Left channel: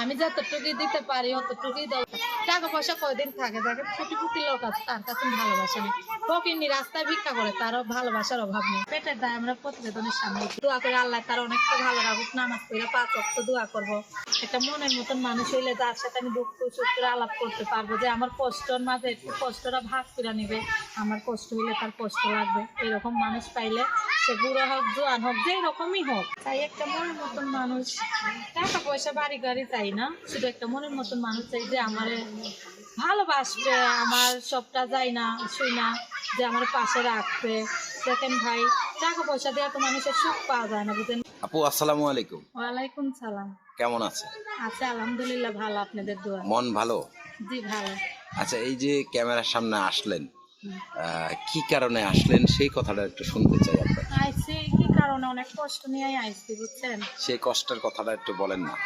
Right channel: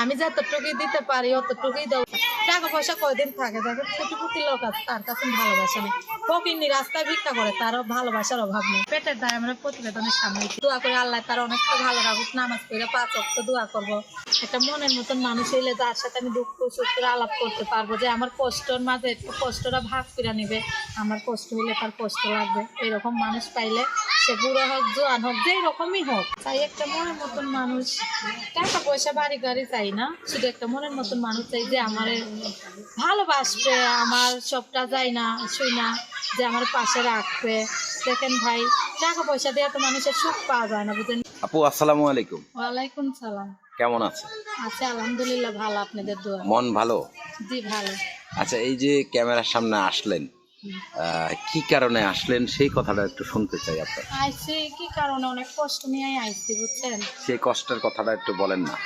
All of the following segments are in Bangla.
আমি যতটুকুই দিতে পারি অতটুকুই দাও। টাকা পয়সা কয়দিন থাকে, দেখেন কোটিপতি লোক আছে তার কাছে ভালোবাসা নেই, ফকিন্নি রাস্তায় ভিক্ষা করে তারও ভালোবাসার অভাব নেই। পেটের দায় আমরা প্রতিবেদনের সামনে দোয়া করে আল্লাহ তার অনেকটা ভালো রাখুক, নামাজ পড়ে 5 ওয়াক্ত দোয়া করবো। একটা মনের মতন মানুষ হইলে যার সাথে আমি দুঃখ সুখ করে আলাপ করতে পারবো, যে আমার কষ্টর মাঝে একটু কষ্টটা ভাগ করে নিবে, আমার কষ্ট হইলে তার কষ্ট লাগবে, এরকম মানুষ পাইলে সে বুড়ো হোক জোয়ান হোক যেই রকমই হোক, তাই একটা মনের মতন মানুষ। টাকা পয়সা বাড়ি গাড়ি চাই না, শুধু একটা মনের মতন মানুষ চাই যে আমার ভালোবাসবে, আমার সবটা যায় না শুই না, যে আমার পাশে রাখবে। দেখেন ভাই, টাকা পয়সা দিয়ে তো মানুষের সুখ পাওয়া যায় না, বুঝলেন। আপু আসসালামু আলাইকুম। ওয়ালাইকুম সালাম। কেমন আছে? আচ্ছা আলহামদুলিল্লাহ ভালো, আপনাদের দোয়া। মন ভালো? জি ভালো। আচ্ছা, এই যে ক্যামেরার সামনে আসলেন, কি কারণে আসলেন সেই কথাটা একটু শুনতে চাই আপনার। আইসি কি কারণে, অনেক কষ্ট নিয়ে আইসি বুঝছেন। সেই কষ্টের কথাটা একটু বলেন না।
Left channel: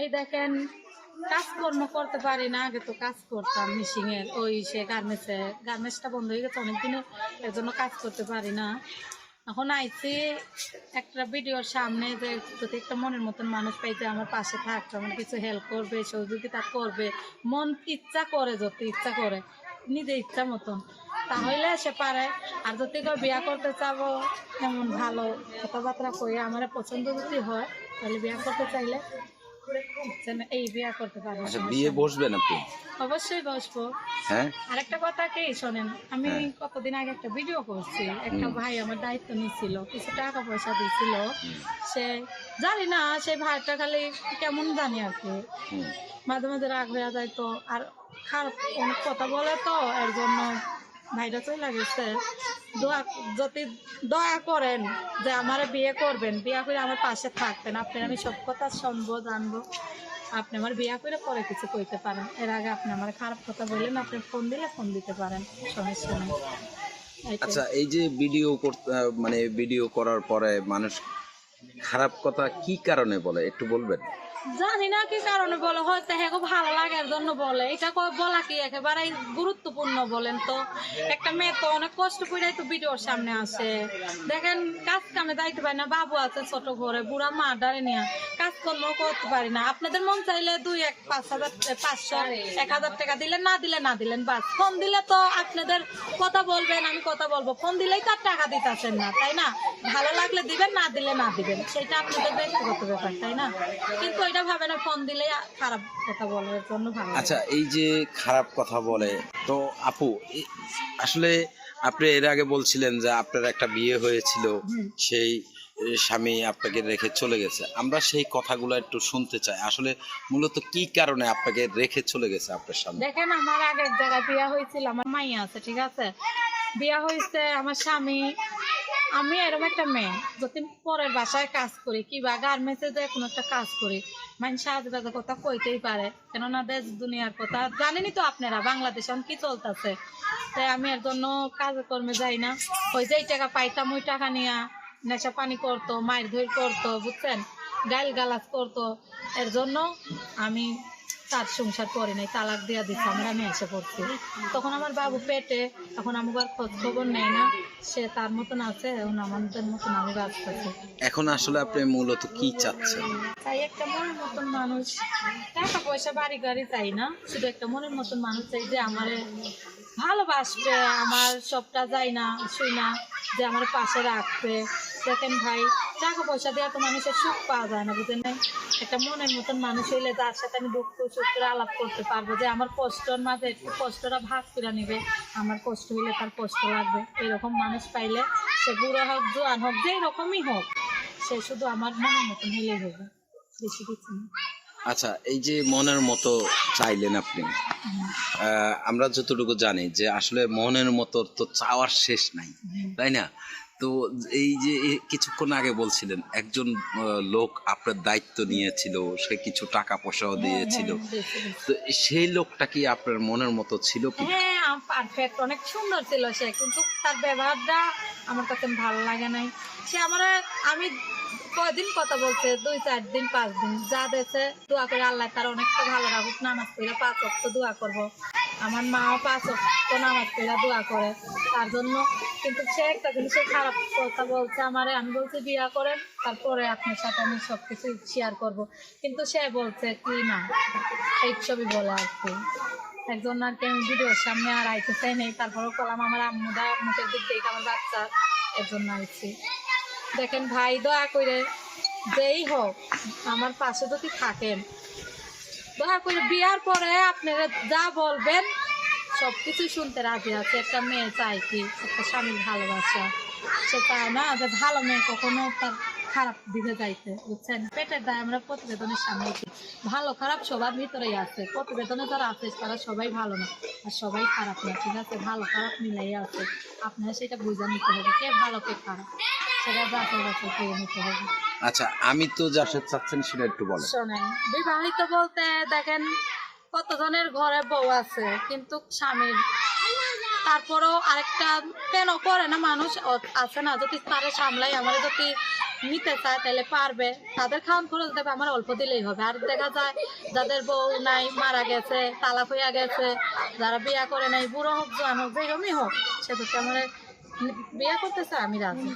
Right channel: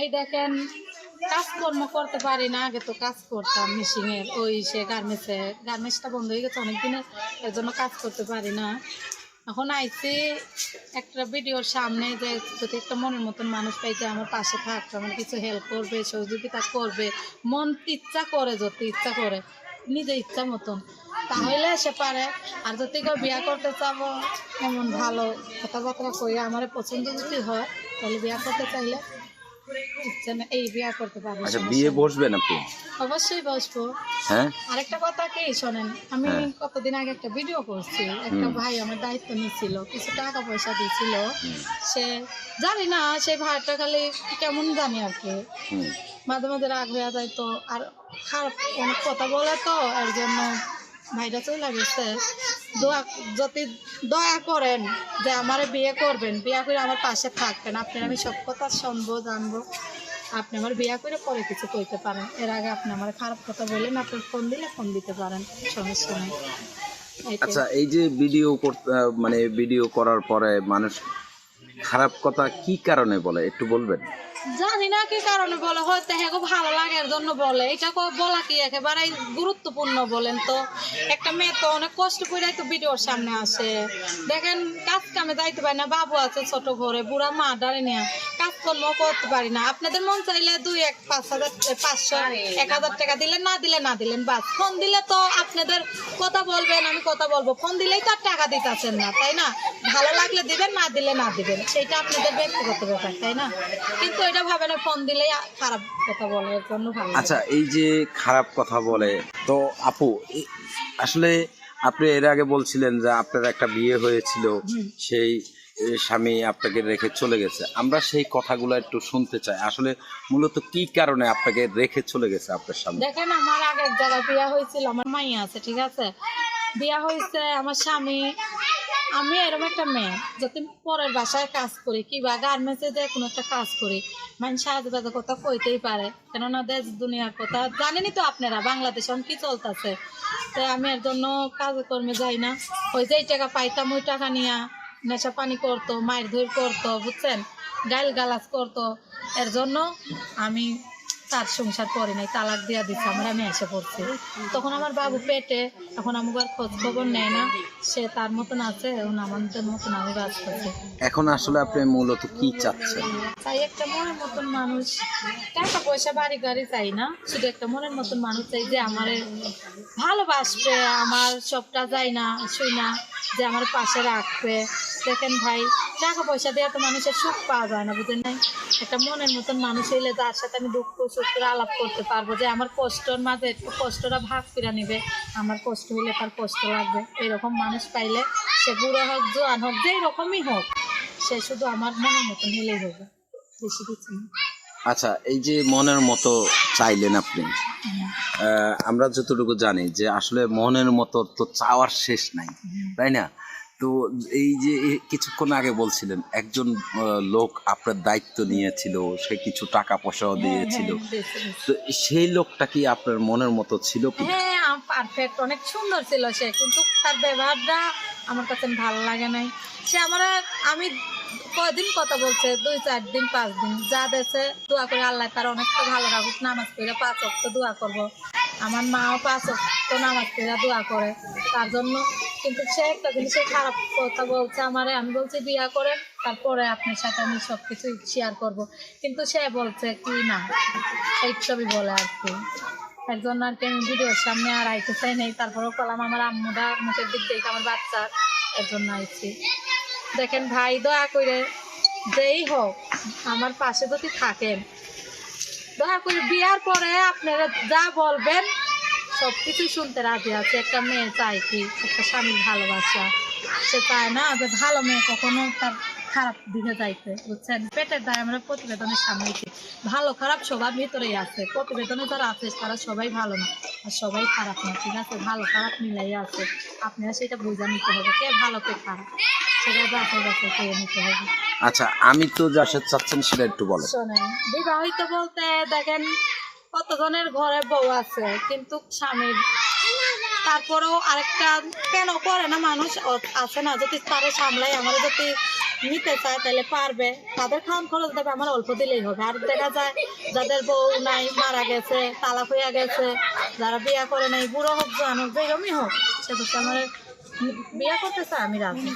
এই দেখেন, কাজকর্ম করতে পারি না, আগে তো কাজ করতাম মেশিং এর, ওই সে গার্মেন্টসটা বন্ধ হয়ে গেছে অনেকদিনে, এর জন্য কাজ করতে পারি না। এখন আইসি একটা ভিডিওর সামনে, যে যদি একটা মনের মতন মানুষ পাই যে আমার পাশে থাকবে, আমার কিছু হেল্প করবে, সহযোগিতা করবে, মন ইচ্ছা করে, যত ইচ্ছা করে নিজে ইচ্ছা মতন, তাহলে সে পারে। আর যদি কেউ বিয়া করতে চাবো, এমন ভালো কথাবার্তা কই আমার পছন্দ যদি হয়, তাহলে বিয়া করতে চাইলে এই বিয়া করতে পারবো। আচ্ছা, বিয়ে বসবেন আপনি? অবশ্যই বসবো। হ্যাঁ, আরেকটা কথা কি শোনেন, আমি কতদিন আগে একটা ভিডিও করছি, একটা ভাই আমার দায়িত্ব নিয়েছিল, কিছু টাকা পয়সা দিয়েছিল, সে জানি না সেই ভাইটা খালি কেমন জানি আর কি, মাঝে মাঝে রাগ হয়ে যায়, তো আর খারাপ অনেক কথা বলে, তো এর জন্য ভাইটা চলে গেছে। যদি দয়া করেন যে আমার বিয়ে করবেন, বিয়ে করে আমার পাশে থাকবেন, আপনার আমি সব কথা শুনবো জানবো, আপনি আমার বিয়ে করে পরে কিছু কইতে পারেন, এর আগে আপনি আমার খারাপ কথা বললেন, আপনি ফোন দিলে ফোন দিতে পারেন, সমস্যা নেই। আচ্ছা, এই যে ভিডিও করতে মানে ভিডিও করার পরে মানুষ খারাপ কথা কি কারণে বলে একটু বলবেন? জানি না কি কারণে বলে, হয়তো হ্যাঁ ভালো লাগার জন্য বলে, এটা বলা কি একেবারে গুরুত্বপূর্ণ বলেন তো। একটা মেয়ে তো অনেক কষ্ট করে তো ভিডিওর সামনে আসে, দেখেন কাজ কামে যাইতে পারি না, বাবু আছে ছোট ঘরে, বুড়া মা ডারে নিয়ে কাজকর্ম করতে পারি না। আপনাদের মন চাইলে 500 টাকা দিলেন, না দিলেন বাস, ফোন দিলে তো আপনাদের কথা বলবেন, আমি কথা বলবো, ফোন দিলেই তো আর টাকা দিতেছেন না, তাই না? ভালো লাগলে দিবেন, না দিলে না দিবেন, সেটা আপনাদের ব্যক্তিগত ব্যাপার, তাই না? কিন্তু এটা ভাবে না ফোন দিলেই খারাপ কথা বলে, এর জন্য ভালো। আচ্ছা, এই যে খারাপ কথা বলে, তো আপু আসলে আপনি এর আগে বলছিলেন যে আপনার একটা বিয়ে হয়েছিল, সেই স্বামী আপনাকে রেখে চলে গেছে। আমরা সেই কথাগুলো একটু শুনতে চাই, আসলে মূলত কি কারণে আপনাকে রেখে চলে গেছে আপনার স্বামী? দেখেন, আমার আগে এক জায়গায় বিয়া হয়েছিল, আমার মাইয়া আছে, ঠিক আছে, বিয়া হয়েছে আমার স্বামী। আমি এরকম একটা মেয়ে, যদি পরের বাসায় কাজ করি কিংবা গার্মেন্টসে যে কোনো একটা কাজ করি, মানুষ আজে বাজে কথা কইতেই পারে, কেননা দেশ দুনিয়ার কথা জানেনই তো আপনারা, বাংলাদেশে কি চলতেছে। তাই আমি এর জন্য কাজে কর্মে যাই না। ওই যেই টাকা পাইতাম ওই টাকা নিয়ে নেশা পানি করতো, মায়ের ধৈর করতো, বুঝছেন, গাইল গালাজ করতো, এর জন্য আমি তার সংসার করি নাই, তালাক দিয়া দিচ্ছে, আমি এসে পড়ছি। তখন আমার বাবু পেটে, এখন আমাকে আর খোঁজ খবর নেয় না, সে তার মতন আছে, এখন আমাদের মতন আমি বাঁচতেছি। এখন আসলে আপনি মূলত কি চাচ্ছেন? তাই একটা মনের মতন মানুষ, টাকা পয়সা বাড়ি গাড়ি চাই না, শুধু একটা মনের মতন মানুষ চাই যে আমার ভালোবাসবে, আমার সবটা যায় না শুই না, যে আমার পাশে রাখবে। দেখেন ভাই, টাকা পয়সা দিয়ে তো মানুষের সুখ পাওয়া যায় না, বুঝেন নাই। একটা মনের মতন মানুষ হইলে যার সাথে আমি দুঃখ সুখ করে আলাপ করতে পারবো, যে আমার কষ্টর মাঝে একটু কষ্টটা ভাগ করে নিবে, আমার কষ্ট হইলে তার কষ্ট লাগবে, এরকম মানুষ পাইলে সে বুড়ো হোক জোয়ান হোক যেই রকমই হোক, সে শুধু আমার মনের মতন হলেই হবে, বেশি কিছু না। আচ্ছা, এই যে মনের মতো চাইলেন আপনি, আমরা যতটুকু জানি যে আসলে মনের মতো তো চাওয়ার শেষ নাই, তাই না? তো এই যে কিছুক্ষণ আগে বলছিলেন একজন লোক আপনার দায়িত্ব নিয়েছিল, সে কিছু টাকা পয়সাও দিয়েছিল, তো সেই লোকটা কি আপনার মনের মতো ছিল কি? হ্যাঁ, পারফেক্ট, অনেক সুন্দর ছিল সে, কিন্তু তার ব্যবহারটা আমার কাছে ভালো লাগে নাই। সে আমি কয়দিন কথা বলছে, 2-4 দিন 5 দিন, যা দেশে দোয়া করে আল্লাহ তার অনেকটা ভালো রাখুক, নামাজ পড়ে 5 ওয়াক্ত দোয়া করবো, আমার মাও 5 ওয়াক্ত নামাজ পড়ে দোয়া করে, তার জন্য কিন্তু সে একটা জিনিসে খারাপ কথা বলছে আমারে। আমি বলছি বিয়া করেন, তারপরে আপনার সাথে আমি সবকিছু শেয়ার করব। কিন্তু সে বলছে কি না, এই ছবি বলে আর কি। একজন আর কি আমি ভিডিওর সামনে আর আইতে চাই নাই, তারপরেও বললাম আমার আম্মুটা মুখের দিক দেখে আমার বাচ্চা একজন আইছি। দেখেন ভাই, দয়া করে যেই হোক আমার পাশে যদি থাকেন, দয়া করে বিয়ার পরে আপনারা যা বলবেন সব কিছুই শুনতে রাজি আছে। একটা মেয়ে চায় কি, একটা স্বামীর ভালোবাসা। সে চায় না যে ভালো মেয়ে কখনো তার খারাপ দিকে যাইতে, বুঝছেন। পেটের দায় আমরা প্রতিবেদনের সামনে ভালো খারাপ সবার ভিতরেই আছে। প্রতিবেদনে যারা আছে তারা সবাই ভালো না আর সবাই খারাপ না, ঠিক আছে। ভালো খারাপ মিলাই আছে, আপনারা সেটা বুঝে নিতে হবে কে ভালো কে খারাপ, সেটা যাচাই বাছাই করে নিতে হবে। আচ্ছা, আমি তো যার সাথে চাচ্ছেন সেটা একটু বলেন। শোনেন, বিবাহিত বলতে দেখেন কতজনের ঘরে বউ আছে কিন্তু স্বামীর, তারপরেও আরেকটা কেন করে না মানুষ আছে না, যদি তারে সামলাই আমার যদি নিতে চায় তাহলে পারবে, তাদের খাওয়ান খরচ দেবে, আমার অল্প দিলেই হবে। আর দেখা যায় যাদের বউ নাই, মারা গেছে, তালাক হইয়া গেছে, যারা বিয়া করে নাই, বুড়ো হোক জোয়ান হোক যেরকমই হোক, সে তো আমার বিয়া করতে চায়, আমি রাজি।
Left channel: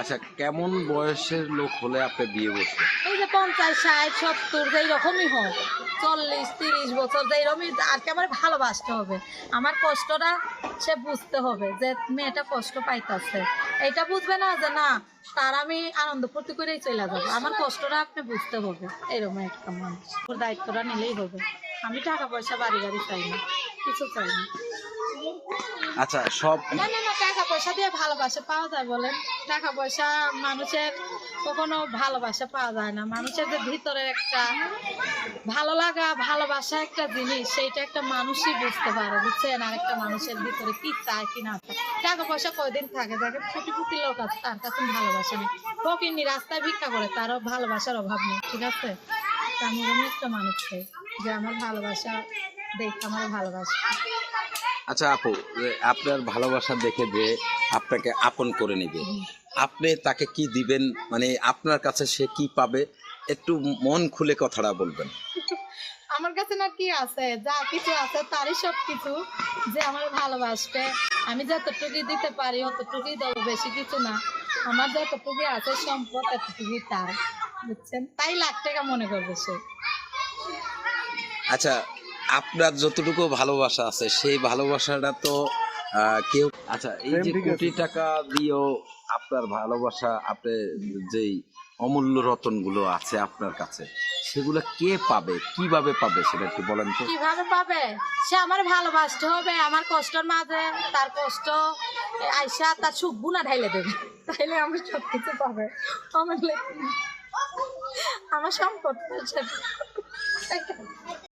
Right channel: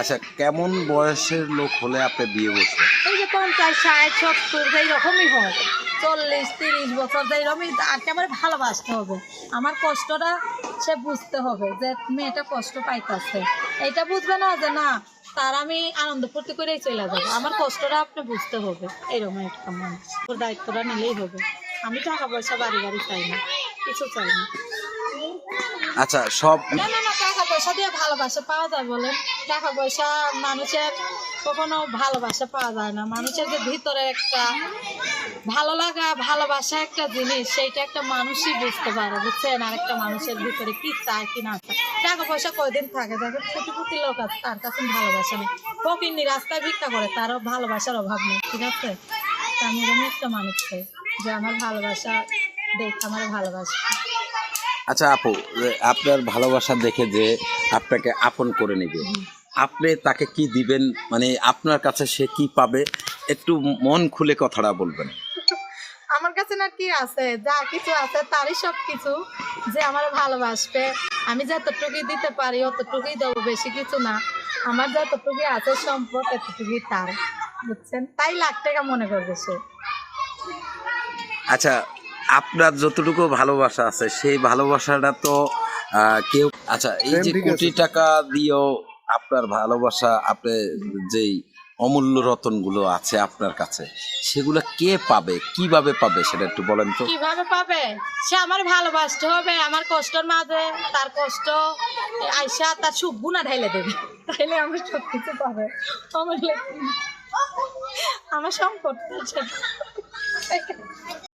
আচ্ছা, কেমন বয়সের লোক হলে আপনি বিয়ে বসবেন? এই যে 50, 60, 70 যেই রকমই হোক, 40, 30 বছর যেরকমই, আর কি আমার ভালোবাসতে হবে। আমার কষ্টটা সে বুঝতে হবে যে মেয়েটা কষ্ট পাইতেছে, এইটা বুঝবে না যে না তার আমি আনন্দ ফুর্তি করেই চলে যাবো। আমার কষ্টটা আপনি বুঝতে হবে, এরকম একটা মানুষ। ওর দায়িত্বটা নিলেই হবে। আমি টাকা পয়সা বাড়ি গাড়ি চাই না, কিছু চাই না। আচ্ছা, সব না না না, টাকা পয়সা দিয়ে ভালোবাসা পাওয়া যায় বলেন? টাকা পয়সা মানুষের কখনো ভালোবাসা পাওয়া যায় না। মানুষের যে ভিতরে একটা ভালো লাগা, ভালোবাসা একটা জিনিস, সেইটা একটা মানুষই বুঝতে পারে, বুঝছেন। আর একটা মানুষের ভিতরে কি চায় কি না চায়। টাকা পয়সা কয়দিন থাকে, দেখেন কোটিপতি লোক আছে তার কাছে ভালোবাসা নেই, ফকিন্নি রাস্তায় ভিক্ষা করে, তারও ভালোবাসার অভাব নেই, ঠিক আছে। আমি একটা মানুষ চাই যে আমার ভালোবাসা দেখে আমার ভালোবাসা। আচ্ছা আপু, আপনার ভালোবাসা দেখে যে আপনাকে আপন করে নেবে, আপনি তাকে কি দিবেন? মানে আপনার কাছে সে কি পাবে? একটু মন খুলে কথাটা বলবেন। আমার কাছে না কি আছে, যা কিছু আছে তারই সব কিছু। যে আমার ভালোবাসবে, আমি যতটুকুই দিতে পারি অতটুকুই দেবো, বেশি কিছু না। আমার যতটুকুই আছে সম্পদ এতটুকুই তার, বুঝছেন। তাই লাখ টাকা মনে করবে সে। আচ্ছা, আপনার যতটুকু ভালোবাসা আছে সেই ভালোবাসাটা তো কেউ, আচ্ছা এই যে কোটি টাকা দিয়েও আপনার ভালোবাসা, আপনি যেই অমূল্য রতনগুলো আছে আপনার কাছে, সেগুলো কে পাবে, কিভাবে পাবে সেটা একটু বলেন তো। কিভাবে পাবে? সে আমার ভালোবাসতে হবে, আমার কষ্টের মাঝে তার কষ্ট আইসা তার সুখ গুণা ঢাইলে দেবে, তাইলে আমার সব কিছু পাবে। আমার আমার সম্পদ